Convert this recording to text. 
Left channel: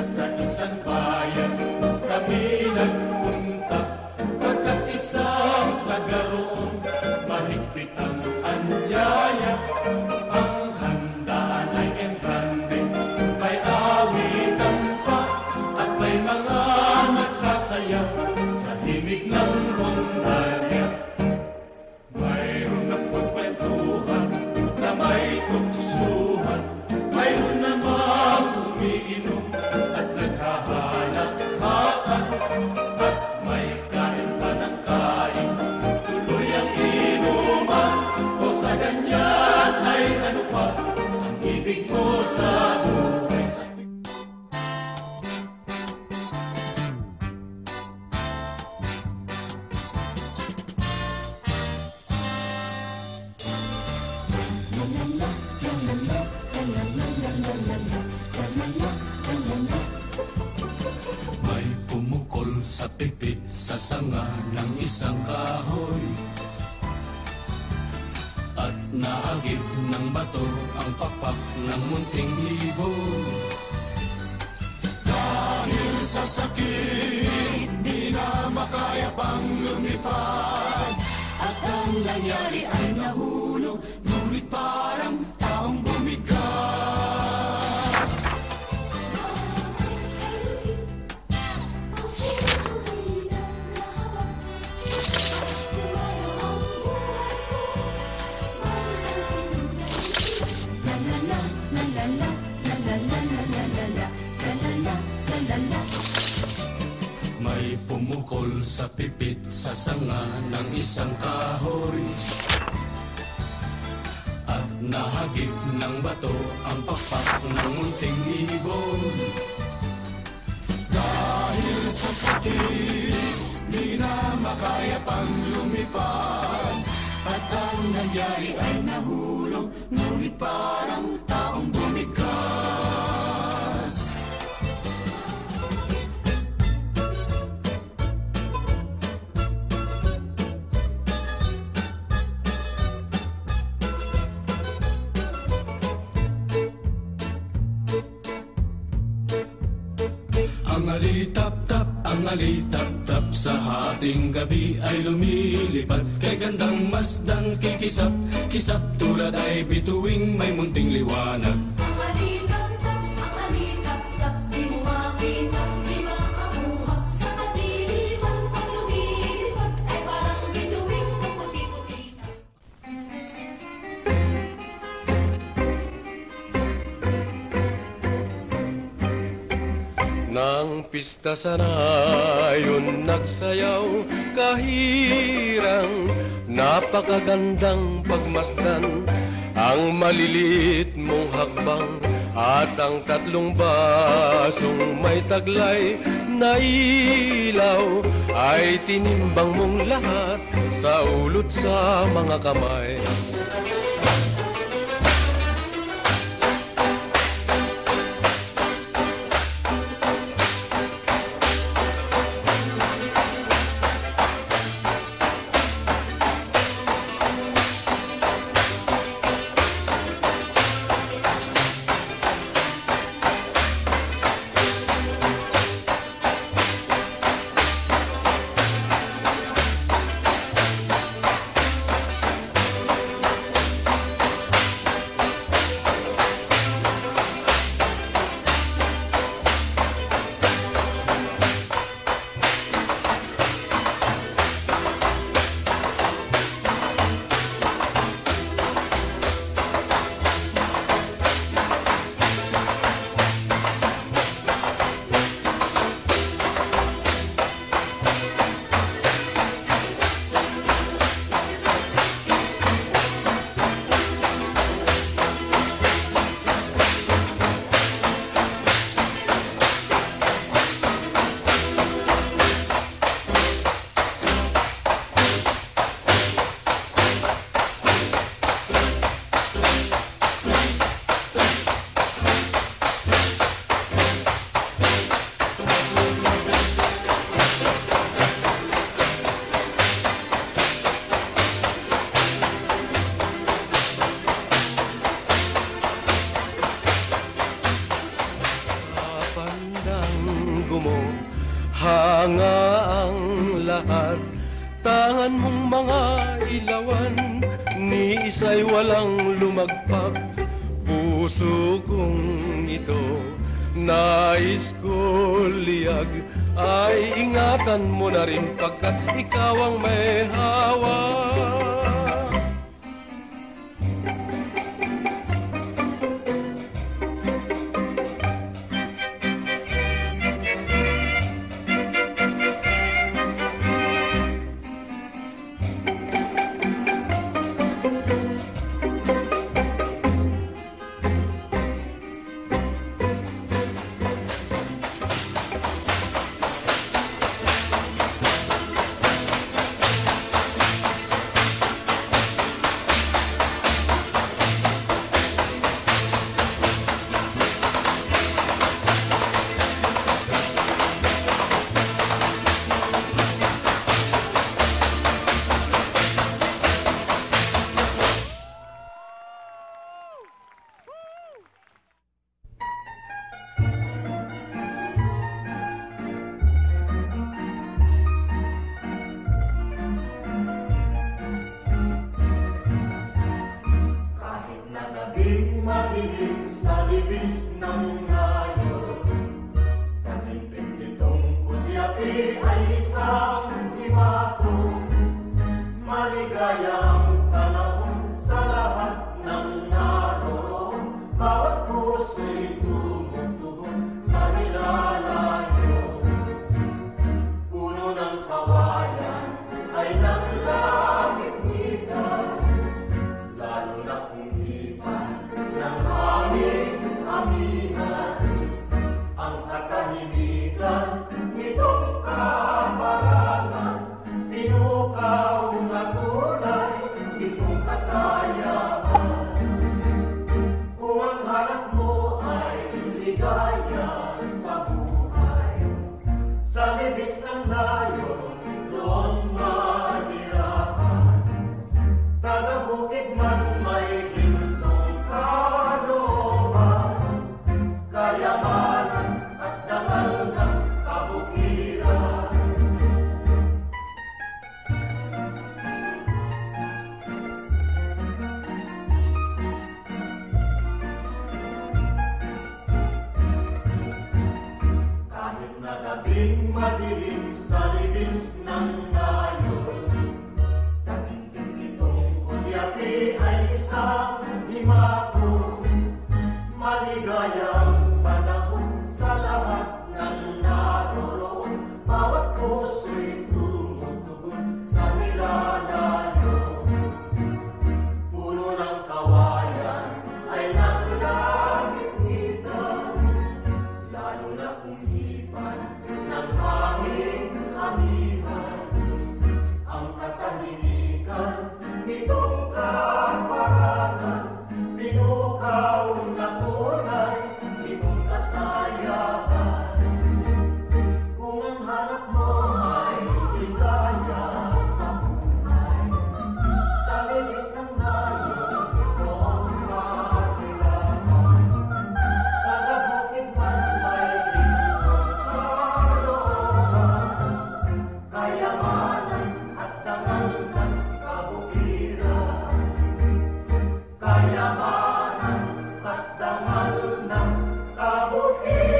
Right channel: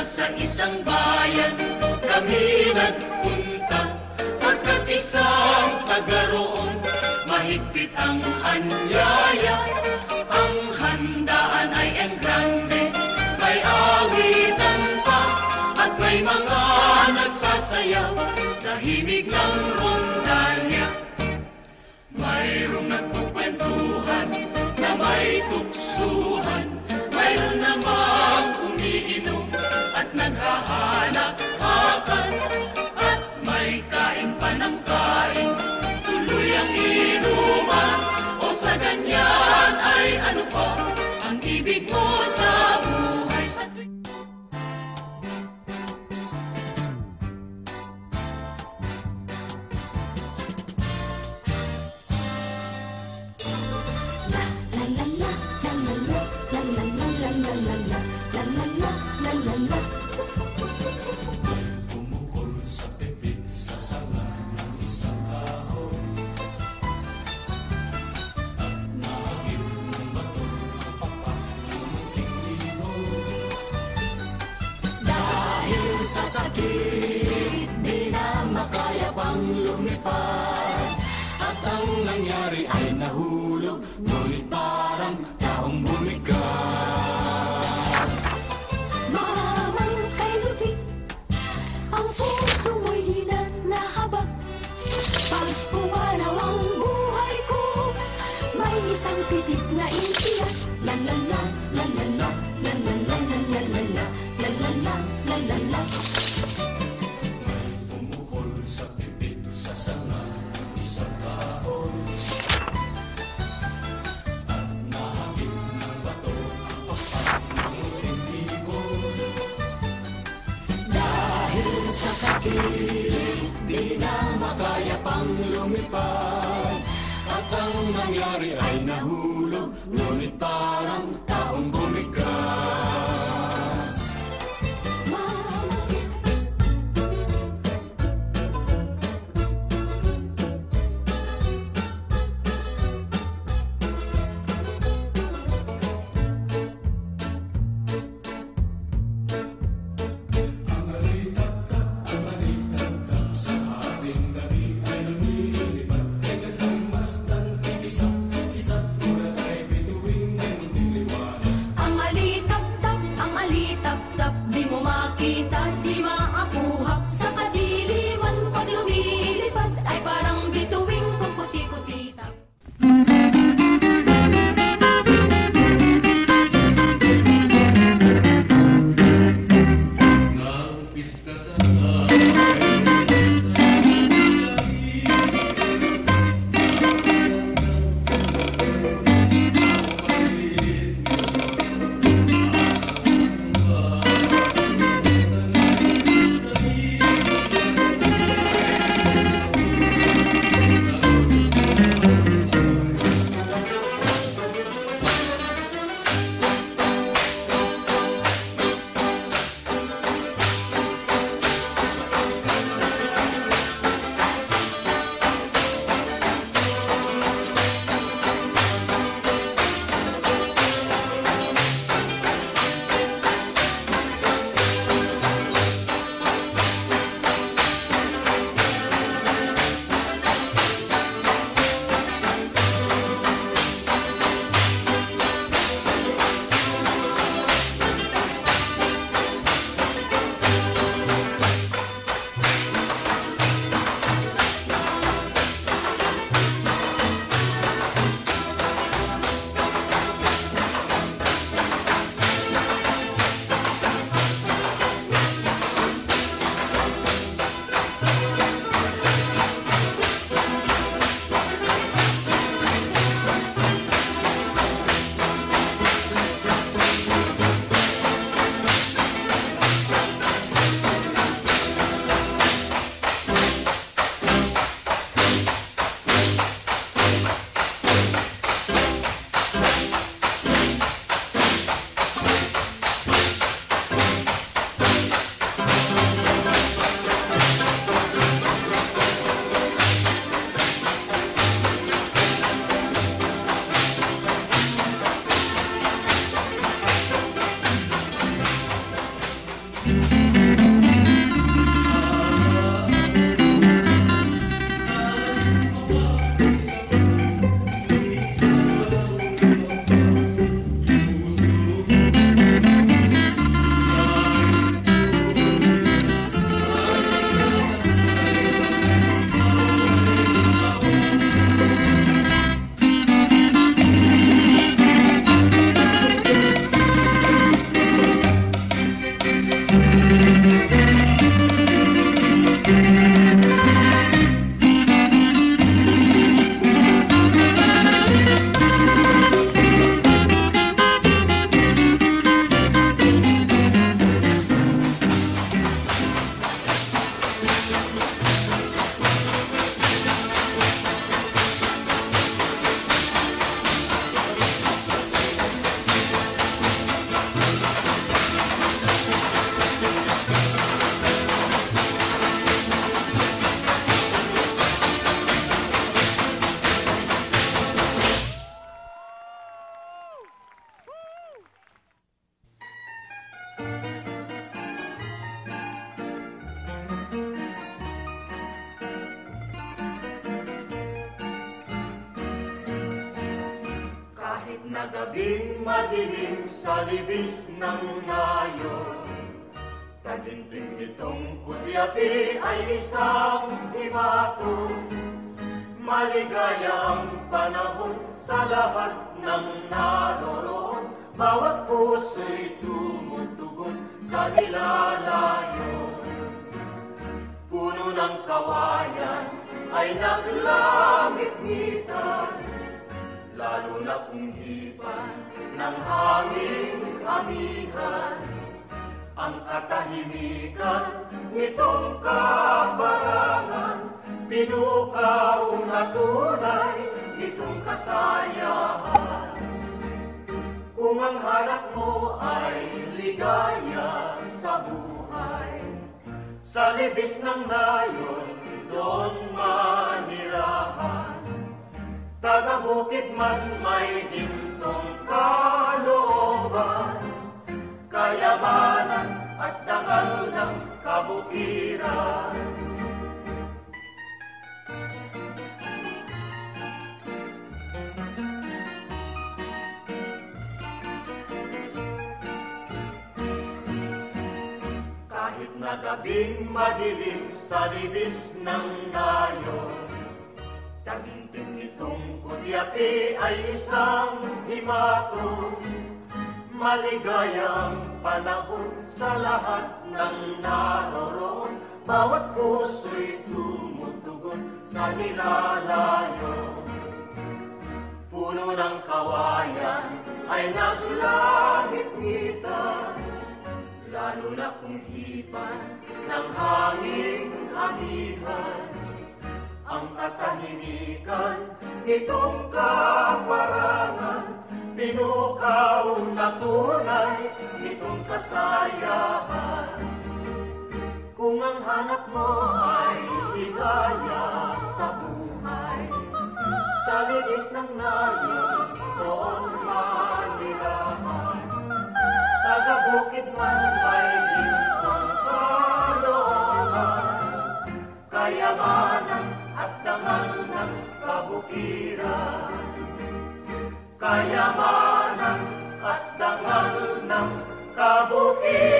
isa sa isang bayan kami nagpunta, pagkat isang taga roon mahigpit ang anyaya. Ang handaan ay engrande, may awitan pa at may mga nagsasayaw sa himig ng rondalya. Mayroong nagkukwentuhan na may tuksuhan, mayroon namang umiinom at naghahalakhakan, at may kain pa ng kain, tuloy ang inuman. O sa ganyan ay ano pa ang ibig mo sa buhay sa sa rayon nagsayaw kahirang, napakagandang pagmasdan ang maliliit mo habang, at ang tatlong basong may taglay na ilaw ay tinimbang mong lahat sa ulot sa mga kamay. gabing madilim sa libis ng nayon, taginting itong putyapi ay isang himato. Maligayang panahon sa lahat ng naroroon, bawat puso'y tumutugon sa nilalayon. Puno ng kawayan ay naglangit-ngitan, lalo na kung hipan ng hanging amihan. Ang katahimikan nitong kabarangan, pinukaw na tunay itong kasayahan. Kung ang hanap mo ay ligaya sa buhay, sa libis ng nayon doon manirahan. Taga-bukid man may gintong kalooban, kayamanan at dangal ng kabukiran. Kahit na gabing madilim sa libis ng nayon, taginting itong putyapi ay isang himato. Maligayang panahon sa lahat ng naroroon, bawat puso'y tumutugon sa nilalayon. Puno ng kawayan ay naglangit-ngitan, lalo na kung hipan ng hanging amihan. Ang katahimikan nitong kaparangan, pinukaw na tunay nitong kasayahan. Kung ang hanap mo ay ligaya sa buhay, sa libis ng nayon doon manirahan. Taga-bukid man may gintong kalooban, kayamanan at dangal ng kabukiran. Kayamanan at dangal ng kabukiran.